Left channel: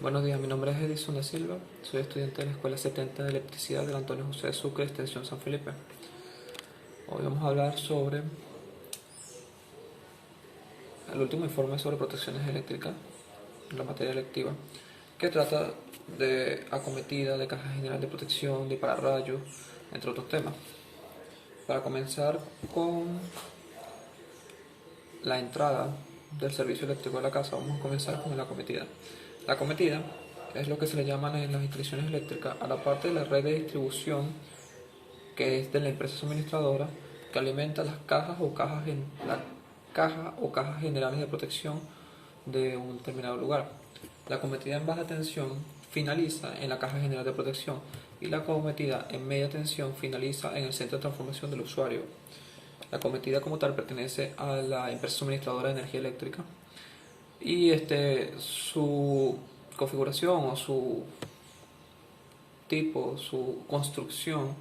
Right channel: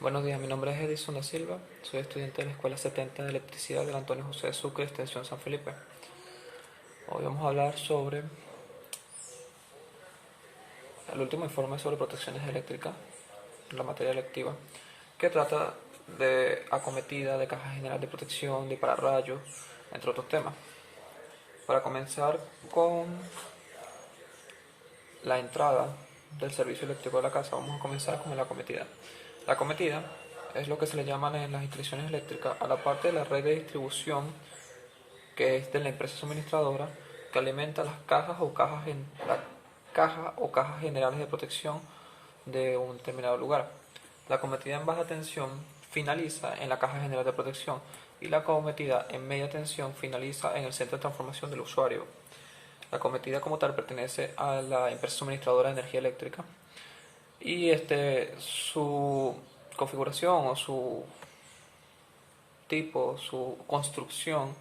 Buenos días, mi nombre es Edison da Silva, soy estudiante de la Escuela 70 de Electricidad del Antonio José de Sucre, Extensión San Felipe. Hoy vamos a hablar sobre el último informe sobre protecciones eléctricas, la materia electiva, que trata de acometida, de caja general de protección, de pararrayos, entre otros temas. Para comenzar con la entrada del servicio eléctrico de la casa, vamos a comenzar con la acometida. La acometida es lo que se le llaman en las instalaciones eléctricas a la parte de la red de distribución que es de la empresa suministradora que alimenta las cajas o la caja o cajas generales de protección de un determinado lugar. La cometida en baja tensión finaliza en la caja general de protección y la cometida en media tensión finaliza en el centro de transformación del usuario. La cometida como tal pertenece a la empresa suministradora de energía eléctrica y su configuración o su tipo, su construcción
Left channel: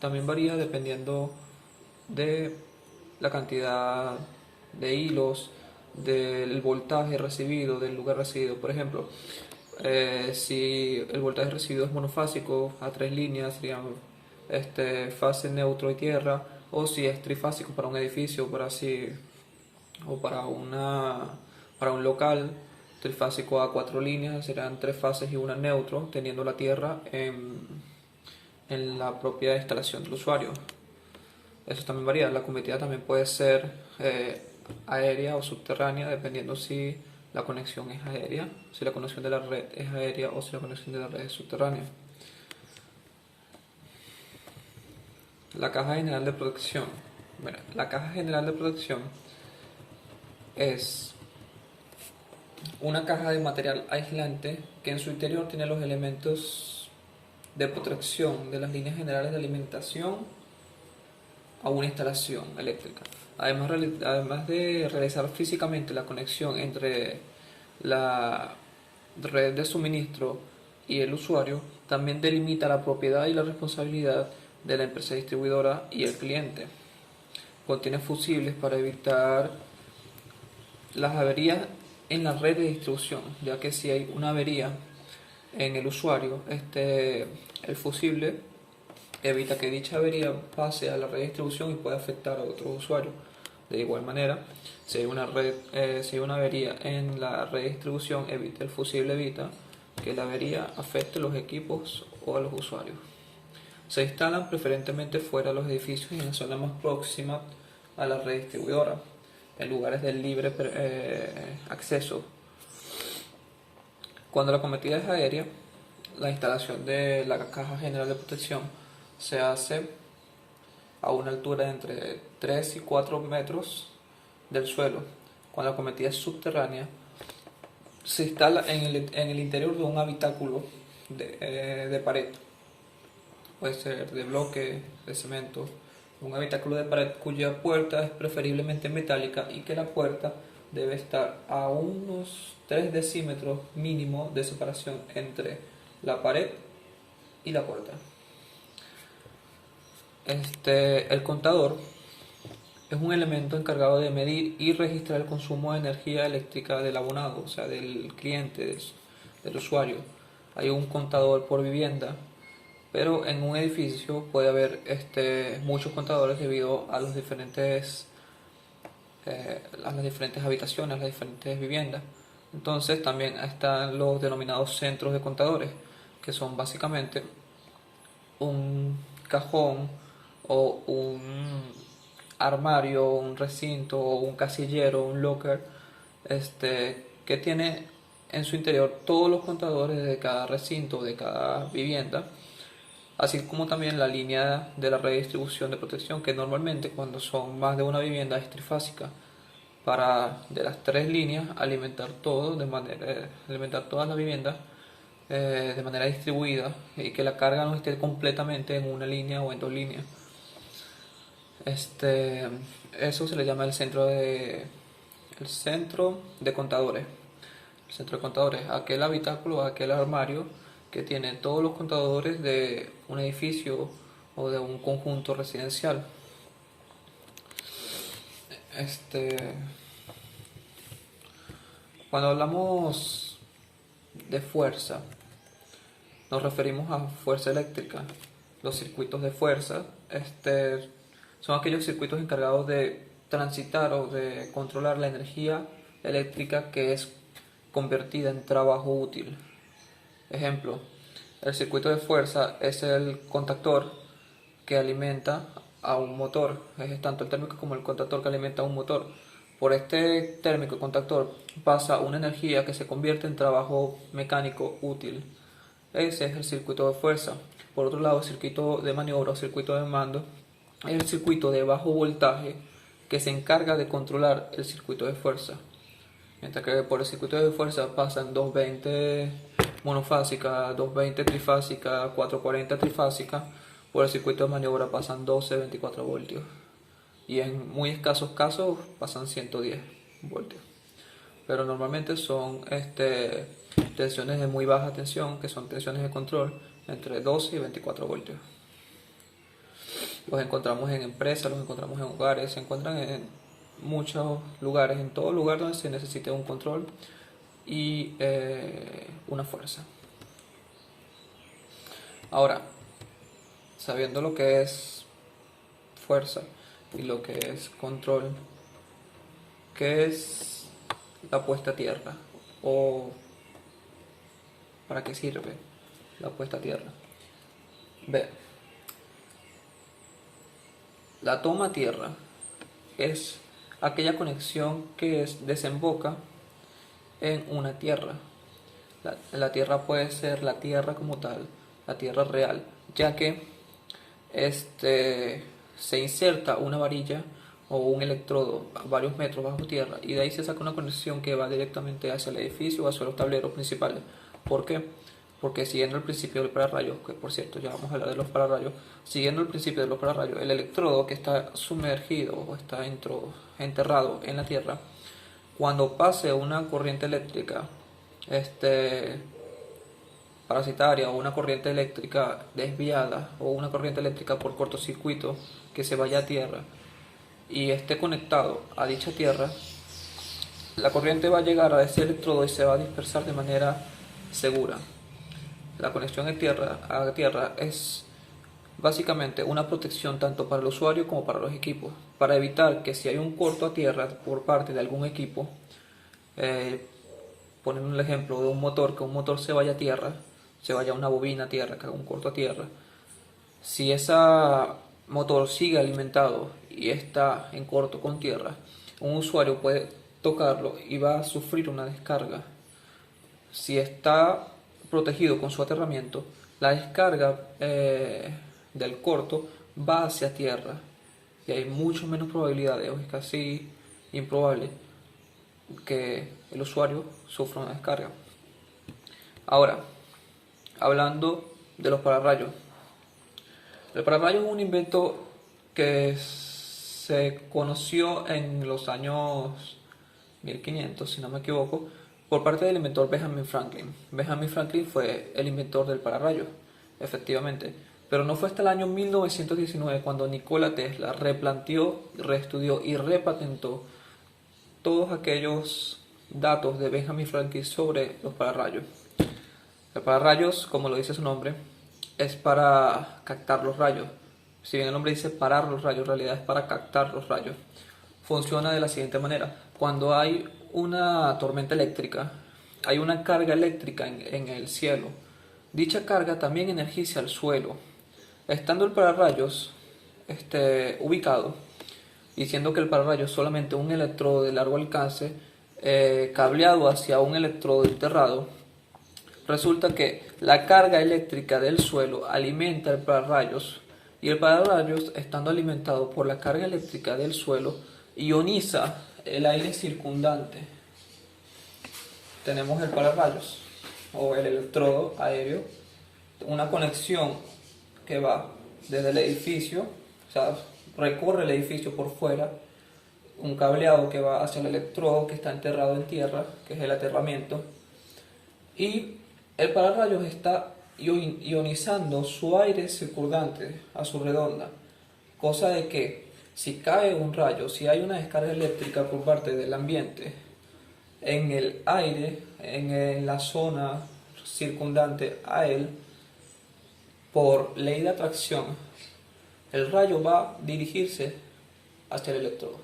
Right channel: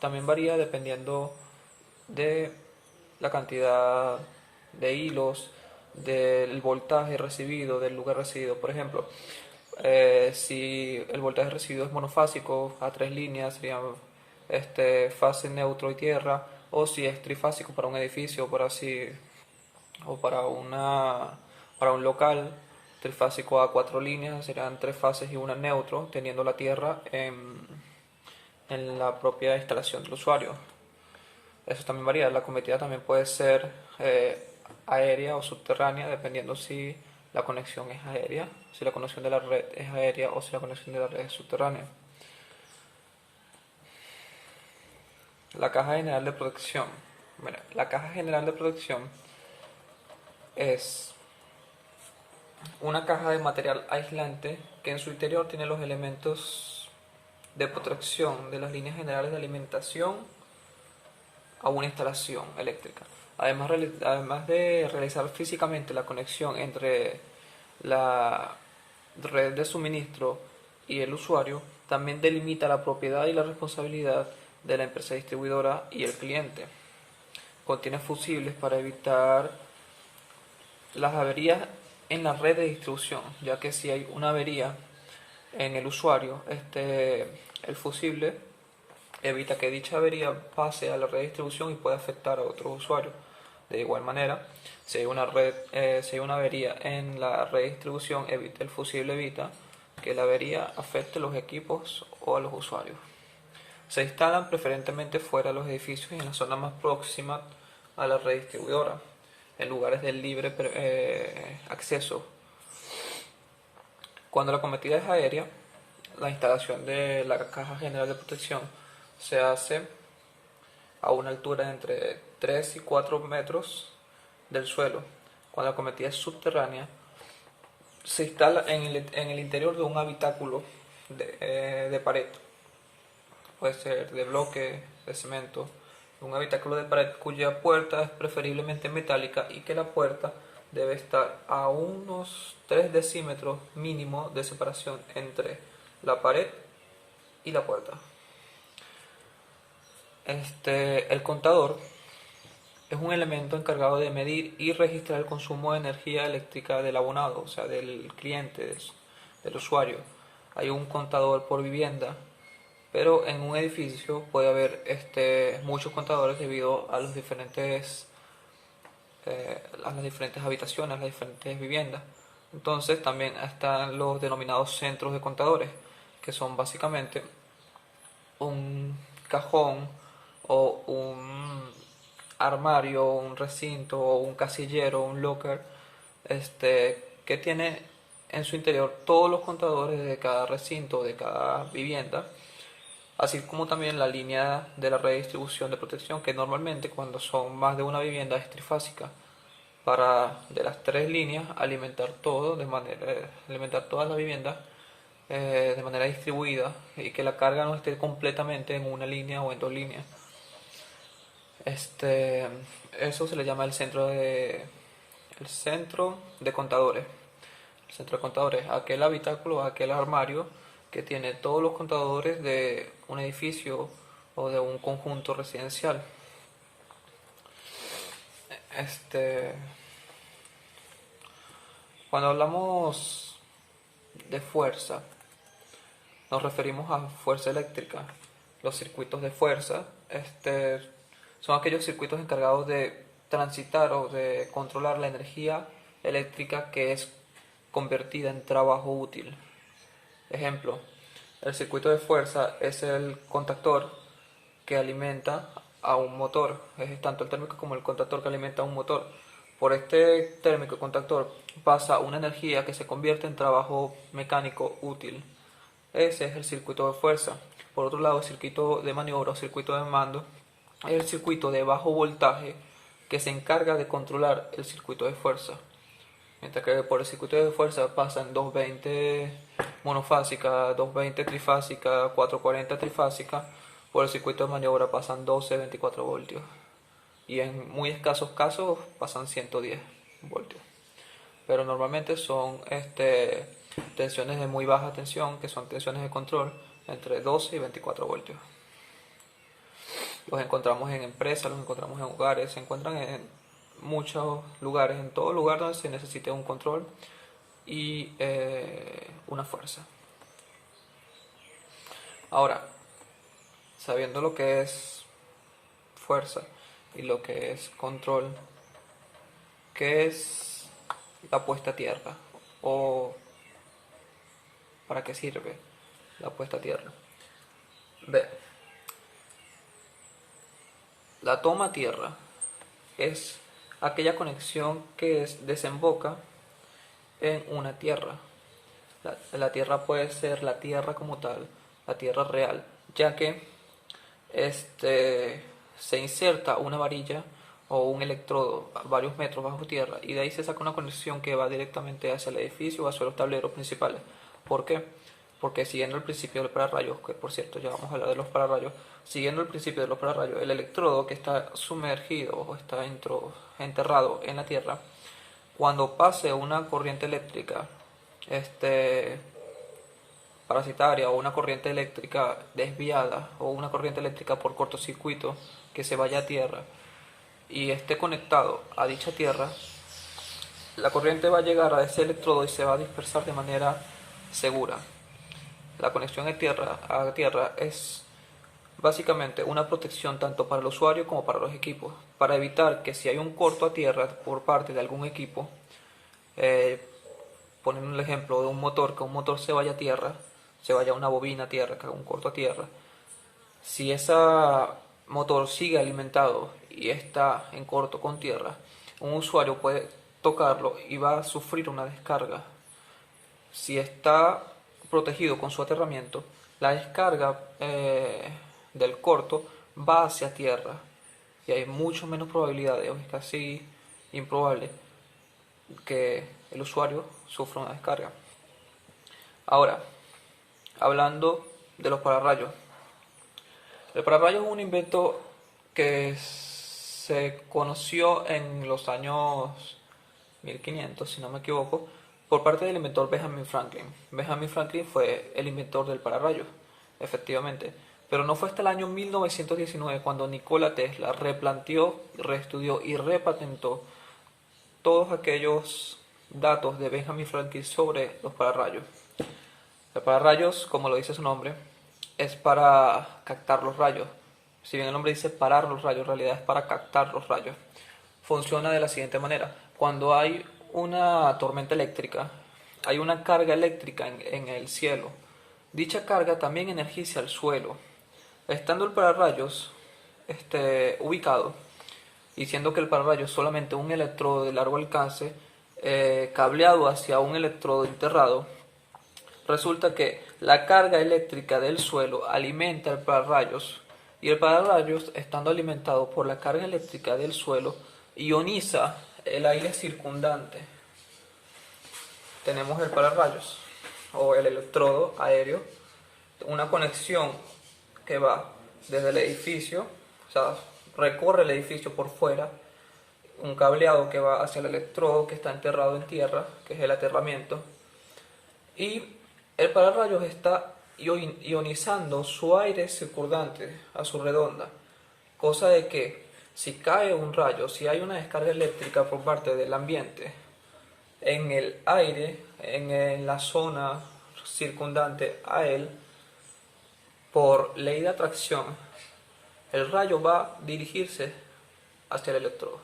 también varía dependiendo de la cantidad de hilos, del voltaje recibido, del lugar recibido. Por ejemplo, si el voltaje recibido es monofásico a tres líneas, sería fase, neutro y tierra, o si es trifásico para un edificio, por así, o para un local trifásico a cuatro líneas, serán tres fases y una neutro, teniendo la tierra en la propia instalación del usuario. Eso también varía. La cometida también puede ser aérea o subterránea, dependiendo si la conexión es aérea, si la conexión de la red es aérea o si la conexión de la red es subterránea. La caja general de protección. Bueno, la caja general de protección es una caja de material aislante que en su interior tiene los elementos de protección de las líneas generales de alimentación a una instalación eléctrica. Además de realizar físicamente la conexión entre la red de suministro y el usuario, también delimita la propiedad y la responsabilidad de la empresa distribuidora y el cliente. Contiene fusibles para evitar las averías en la red de distribución, ya que si hay una avería en el usuario, el fusible evita que dicha avería pase a la red de distribución y pueda afectar a otros usuarios. De igual manera, si hay una avería en la red de distribución, el fusible evita que la avería afecte los equipos o a los usuarios. Se instalan preferentemente fuera de los edificios y en la zona más próxima a la red distribuidora, en lugares de libre acceso. Cuando la cometida es aérea, la instalación de la caja general de protección se hace a una altura de entre 3 y 4 metros del suelo. Cuando la cometida es subterránea, se instala en el interior de un habitáculo de pared. Puede ser de bloque, de cemento, un habitáculo de pared cuya puerta es preferiblemente metálica y que la puerta debe estar a unos 3 decímetros mínimo de separación entre la pared y la puerta. El contador es un elemento encargado de medir y registrar el consumo de energía eléctrica del abonado, o sea, del cliente, del usuario. Hay un contador por vivienda, pero en un edificio puede haber muchos contadores debido a a las diferentes habitaciones, a las diferentes viviendas. Entonces también están los denominados centros de contadores, que son básicamente un cajón o un armario, un recinto o un casillero, un locker, que tiene en su interior todos los contadores de cada recinto, de cada vivienda, así como también la línea de la red de distribución de protección, que normalmente cuando son más de una vivienda es trifásica, para de las tres líneas alimentar todas las viviendas de manera distribuida y que la carga no esté completamente en una línea o en dos líneas. Eso se le llama el centro de contadores. El centro de contadores, aquel habitáculo, aquel armario que tiene todos los contadores de un edificio o de un conjunto residencial. Este, Cuando hablamos de fuerza, nos referimos a fuerza eléctrica. Los circuitos de fuerza son aquellos circuitos encargados de transitar o de controlar la energía eléctrica que es convertida en trabajo útil. Ejemplo, el circuito de fuerza es el contactor que alimenta a un motor. Es tanto el térmico como el contactor que alimenta a un motor. Por este térmico contactor pasa una energía que se convierte en trabajo mecánico útil. Ese es el circuito de fuerza. Por otro lado, el circuito de maniobra o circuito de mando es el circuito de bajo voltaje que se encarga de controlar el circuito de fuerza. Mientras que por el circuito de fuerza pasan 220 monofásica, 220 trifásica, 440 trifásica, por el circuito de maniobra pasan 12-24 voltios. Y en muy escasos casos pasan 110 voltios. Pero normalmente son tensiones de muy baja tensión, que son tensiones de control, entre 12 y 24 voltios. Los encontramos en empresas, los encontramos en hogares, se encuentran en muchos lugares, en todo lugar donde se necesite un control y una fuerza. Ahora, sabiendo lo que es fuerza y lo que es control, ¿qué es la puesta a tierra? ¿O para qué sirve la puesta a tierra? Ve, la toma a tierra es aquella conexión que desemboca en una tierra. La tierra puede ser la tierra como tal, la tierra real, ya que se inserta una varilla o un electrodo a varios metros bajo tierra y de ahí se saca una conexión que va directamente hacia el edificio o hacia los tableros principales. ¿Por qué? Porque siguiendo el principio del pararrayos, que por cierto ya vamos a hablar de los pararrayos, siguiendo el principio de los pararrayos, el electrodo que está sumergido o está enterrado en la tierra, cuando pase una corriente eléctrica parasitaria o una corriente eléctrica desviada o una corriente eléctrica por cortocircuito que se vaya a tierra y esté conectado a dicha tierra, la corriente va a llegar a ese electrodo y se va a dispersar de manera segura. La conexión a tierra es básicamente una protección tanto para el usuario como para los equipos, para evitar que si hay un corto a tierra por parte de algún equipo, poniendo el ejemplo de un motor, que un motor se vaya a tierra, se vaya a una bobina a tierra, que haga un corto a tierra, si ese motor sigue alimentado y está en corto con tierra, un usuario puede tocarlo y va a sufrir una descarga. Si está protegido con su aterramiento, la descarga del corto va hacia tierra y hay mucho menos probabilidades, o es casi improbable, que el usuario sufra una descarga. Ahora, hablando de los pararrayos. El pararrayo es un invento que se conoció en los años 1500, si no me equivoco, por parte del inventor Benjamin Franklin. Benjamin Franklin fue el inventor del pararrayo, efectivamente. Pero no fue hasta el año 1919 cuando Nikola Tesla replanteó, reestudió y repatentó todos aquellos datos de Benjamin Franklin sobre los pararrayos. El pararrayos, como lo dice su nombre, es para captar los rayos. Si bien el nombre dice parar los rayos, en realidad es para captar los rayos. Funciona de la siguiente manera. Cuando hay una tormenta eléctrica, hay una carga eléctrica en el cielo. Dicha carga también energiza el suelo. Estando el pararrayos ubicado, y siendo que el pararrayos es solamente un electrodo de largo alcance, cableado hacia un electrodo enterrado, resulta que la carga eléctrica del suelo alimenta el pararrayos y el pararrayos, estando alimentado por la carga eléctrica del suelo, ioniza el aire circundante. Tenemos el pararrayos o el electrodo aéreo, una conexión que va desde el edificio, o sea, recorre el edificio por fuera, un cableado que va hacia el electrodo que está enterrado en tierra, que es el aterramiento, y el pararrayos está ionizando su aire circundante a su redonda, cosa de que si cae un rayo, si hay una descarga eléctrica por parte del ambiente, en el aire, en la zona circundante a él, por ley de atracción, el rayo va a dirigirse hacia el electrodo,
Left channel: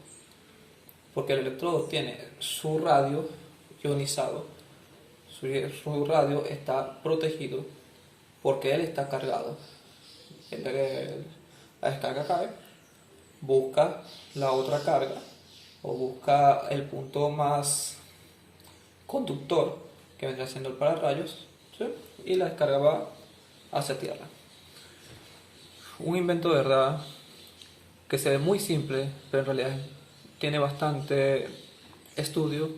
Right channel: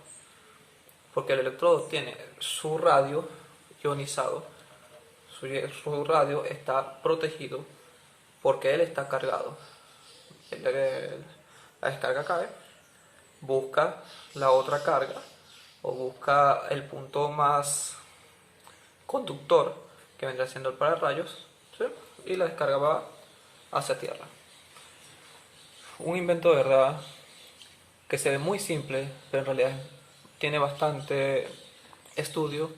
porque el electrodo tiene su radio ionizado, su radio está protegido porque él está cargado. La descarga cae, busca la otra carga o busca el punto más conductor que vendrá siendo el pararrayos, ¿sí? Y la descarga va hacia tierra. Un invento de verdad que se ve muy simple, pero en realidad tiene bastante estudio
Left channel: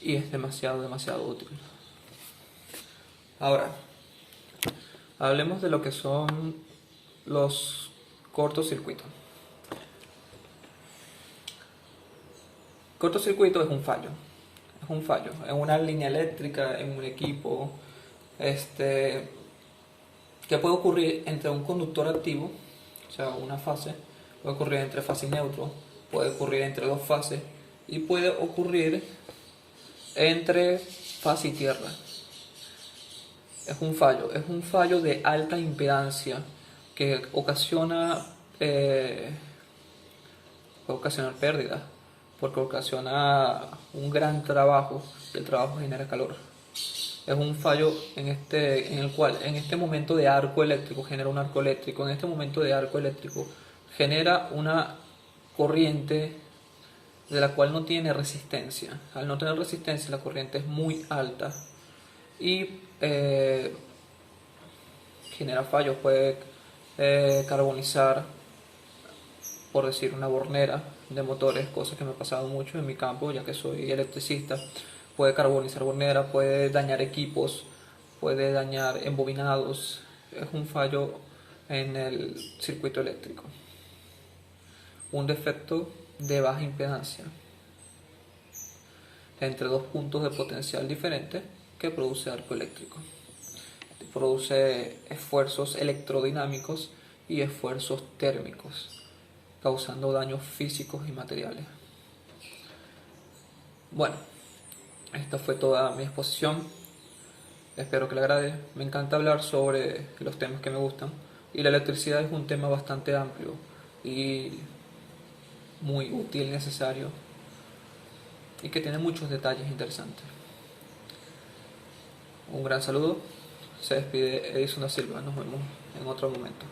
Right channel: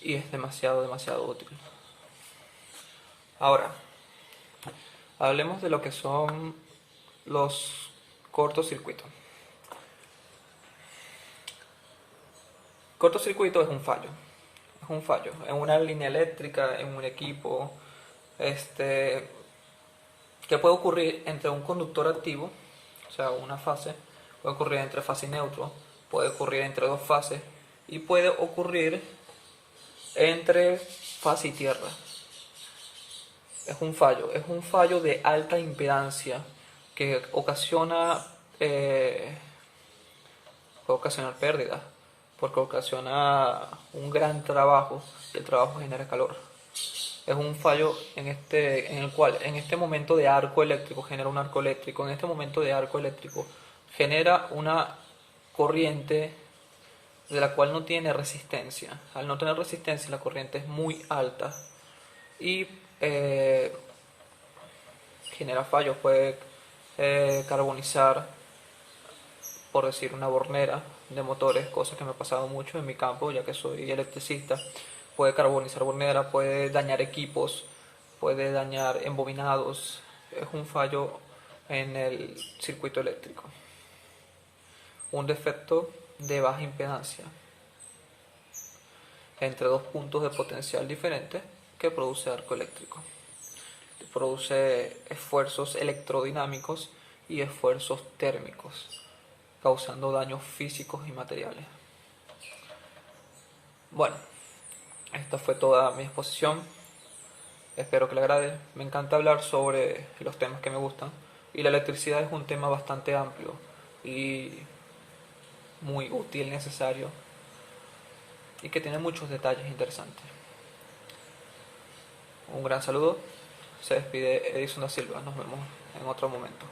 y es demasiado útil. Ahora, hablemos de lo que son los cortocircuitos. Cortocircuito es un fallo. Es un fallo en una línea eléctrica, en un equipo, que puede ocurrir entre un conductor activo, o sea, una fase, puede ocurrir entre fase y neutro, puede ocurrir entre dos fases y puede ocurrir entre fase y tierra. Es un fallo de alta impedancia que puede ocasionar pérdidas, porque ocasiona un gran trabajo y el trabajo genera calor. Es un fallo en el cual en este momento de arco eléctrico genera un arco eléctrico, en este momento de arco eléctrico genera una corriente de la cual no tiene resistencia. Al no tener resistencia la corriente es muy alta y genera fallos, puede carbonizar, por decir, una bornera de motores, cosa que me ha pasado mucho en mi campo ya que soy electricista. Puede carbonizar bornera, puede dañar equipos, puede dañar embobinados. Es un fallo en el circuito eléctrico, un defecto de baja impedancia entre dos puntos de potencial diferentes que produce arco eléctrico. Produce esfuerzos electrodinámicos y esfuerzos térmicos, causando daños físicos y materiales. Bueno, esta fue toda mi exposición. Espero que le agrade. Me encanta hablar sobre los temas que me gustan y la electricidad es un tema bastante amplio y muy útil, necesario y que tiene muchos detalles interesantes. Un gran saludo. Se despide Edison da Silva. Nos vemos en otro momento.